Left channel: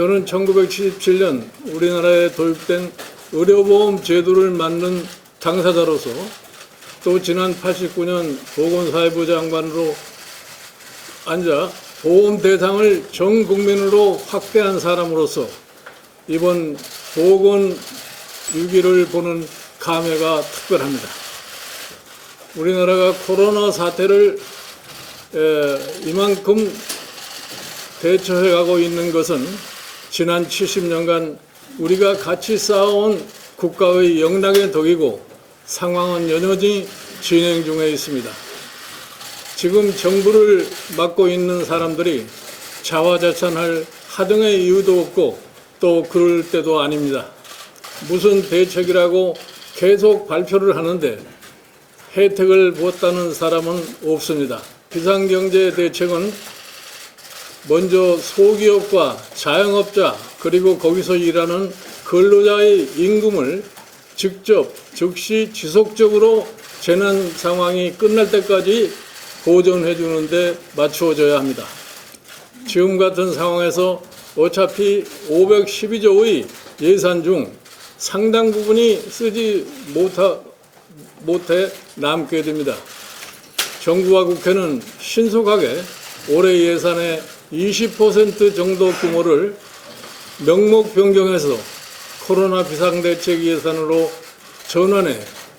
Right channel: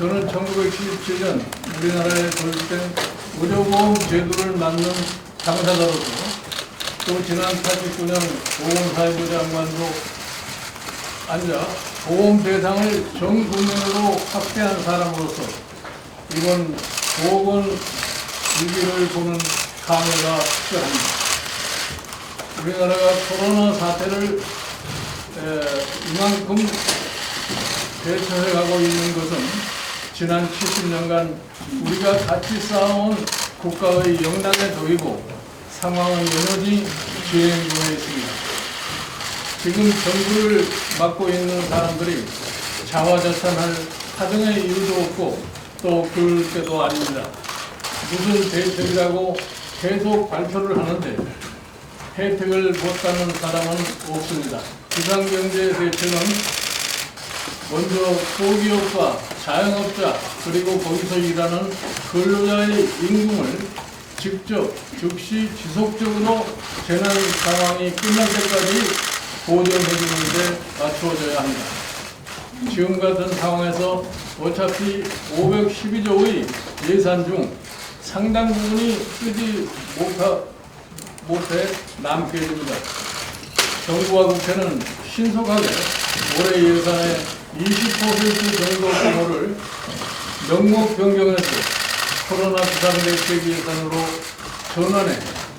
저는 1977년 우리나라에 도입된 의료보험 제도를 만든 당사자로서 또 지난 89년 보건사회부 장관으로 앉아 보험 대상을 전 국민으로 확대한 사람으로서 이번 보건 위기를 보는 감회가 특별합니다. 우리나라가 코로나 사태를 이만큼 대처해 가고 있는 것은 지난 70년간 우리가 같이 쌓아온 국가의 영락의 덕이고 상황은 여전히 진행 중에 있습니다. 지금 정부를 맡고 있는 사람들이 자화자찬할 하등의 이유도 없고 또 그럴 때도 아닙니다. 무슨 대책이라고 계속 발표를 하는데 혜택을 못 따는 사람은 없습니다. 비상경제 대책은 먼저 소기업과 자영업자 그리고 거기서 일하는 근로자의 임금을 직접 즉시 지속적으로 재난 상황이 끝날 때까지 보전해 주는데 맞추어져야 합니다. 지금 같은 상황에서 어차피 512조의 예산 중 상당 부분이 쓰지 못해 남게 됩니다. 정부와 국회는 신속하게 올해 예산의 20% 정도 규모를 명목 변경해서 코로나 비상대책 예산으로 전환해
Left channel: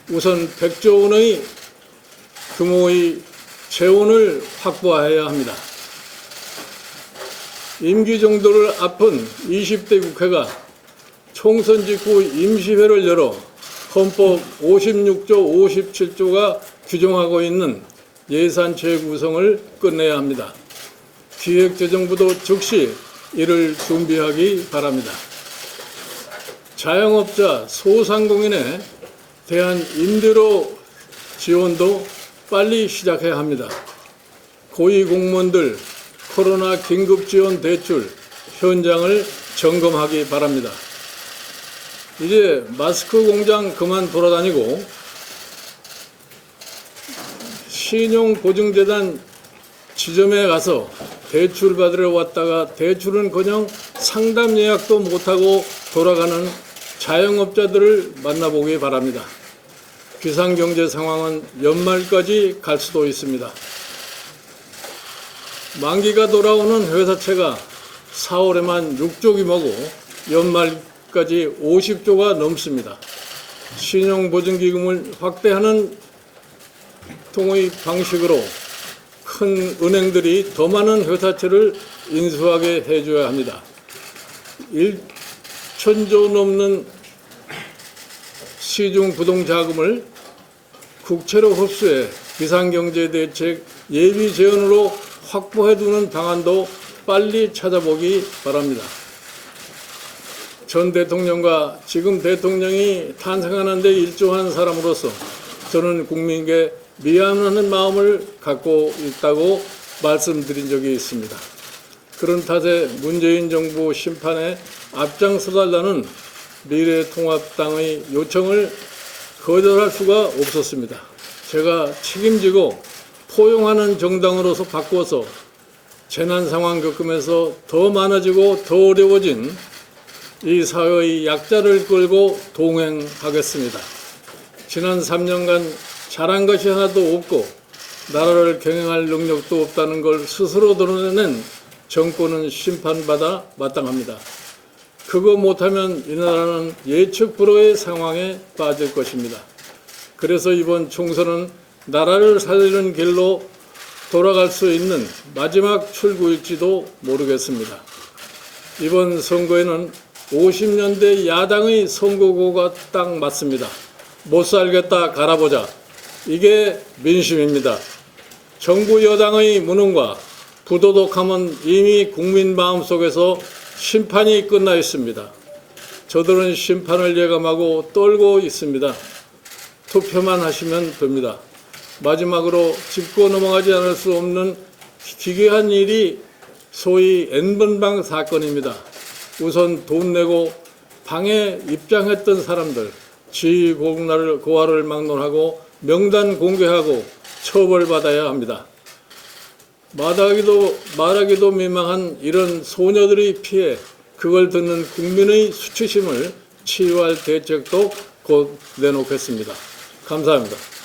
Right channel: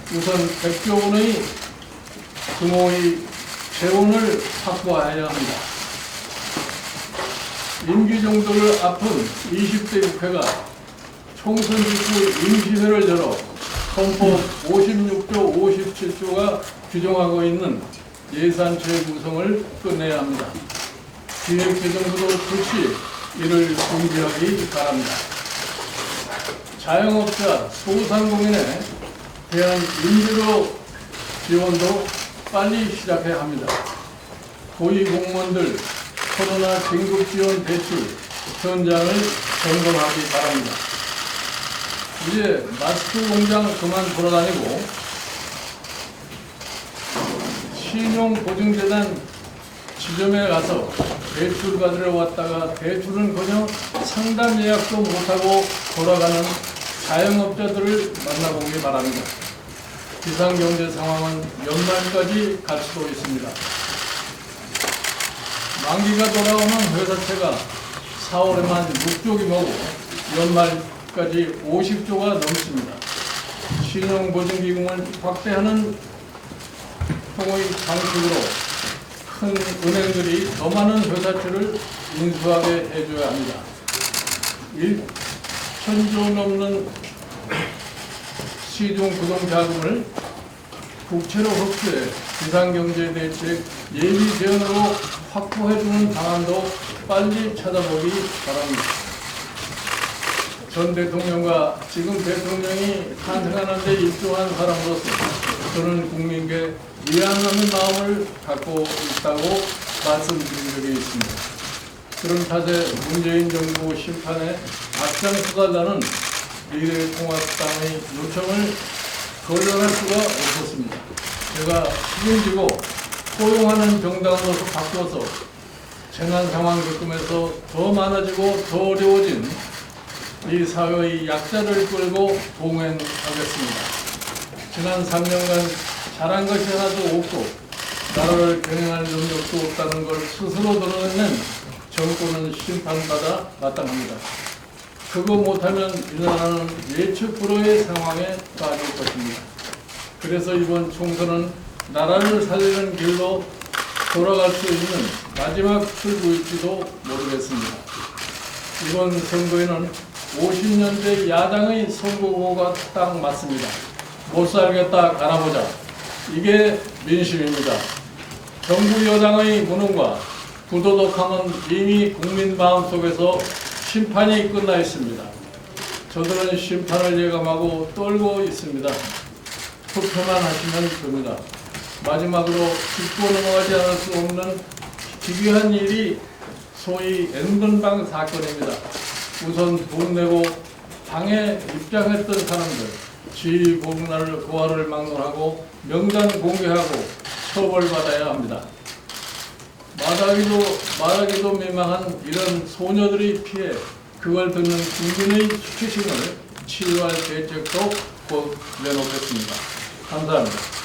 우선 100조 원의 규모의 재원을 확보해야 합니다. 임기 정도를 앞둔 20대 국회가 총선 직후 임시회를 열어 헌법 56조 57조가 규정하고 있는 예산체 구성을 끝내야 합니다. 기획재정부도 즉시 이를 준비하기 바랍니다. 자영업자, 소상공인에 대한 임대료 지원도 빨리 시작해야 합니다. 고위공무원들 코로나 긴급지원 대출 현장을 점검하기 바랍니다. 이제 마스크 공장 그만 돌아다니고 신용보증재단 지점에 가서 대출 받으러 왔다가 대출은커녕 상담 예약도 못하고 돌아가는 자영업자들을 만나보기 바랍니다. 비상경제 상황은 연말까지 갈 수도 있습니다. 만기가 돌아오는 회사채가 4월에만 6조 규모고 연말까지 50조가 넘습니다. 신용보증기금을 확대하는 통의 방식으로 큰 은행들이 더 많은 회사채를 인수하게 해줘야 합니다. 1,000조 넘는 시중 부동자금을 국채로 흡수해 비상경제대책 예비 재원으로 확보해주는 방안도 빨리 찾아보기 바랍니다. 전 대통령과 지금 대통령이 탄생하는 데 일조한 사람으로서 저는 국민께 미안하는 마음을 갖고 있다고 말씀드린 적이 있습니다. 그런 탓에 문재인 정부 심판에 앞장서달라는 미래통합당의 요청을 거절할 수가 없었습니다. 제가 책임지고 포용하는 정당으로서 바꿔서 재난 상황 겪으면서 더 많아지고 더 어려워진 이 사회의 약자를 끌고 동행하겠습니다. 지난 3년간 잘한 것이 하나도 없고 나라를 경영할 능력도 없다는 걸 스스로 드러내는 정권은 심판받아 마땅합니다. 그거 못하면 이 나라는 예측 불허의 상황에 빠질 것입니다. 그래서 이번 총선은 나라를 살리는 길로 돌아갈 수 있는 마지막 출구일지도 모르겠습니다. 이번 선거에는 50년대 야당의 선거구가 딱 맞습니다. 못 살겠다 갈아보자. 이게 민심입니다. 정부 여당의 무능과 부도덕함은 이미 국민 마음속에서 심판이 끝나 있습니다. 저들은 심판을 예감하고 떨고 있습니다. 투표만 하시면 됩니다. 마지막으로 짚고 넘어가지 않을 수 없는 기괴한 일이 소위 N번방 사건입니다. 우선 돈 내고 방에 입장했던 사람들 지휘 고하를 막론하고 명단 공개하고 처벌받아야 합니다. 말하기도 민망한 이런 소녀들의 피해 그걸 듣는 국민의 수치심을 치유할 대책도 곧 내놓겠습니다. 감사합니다.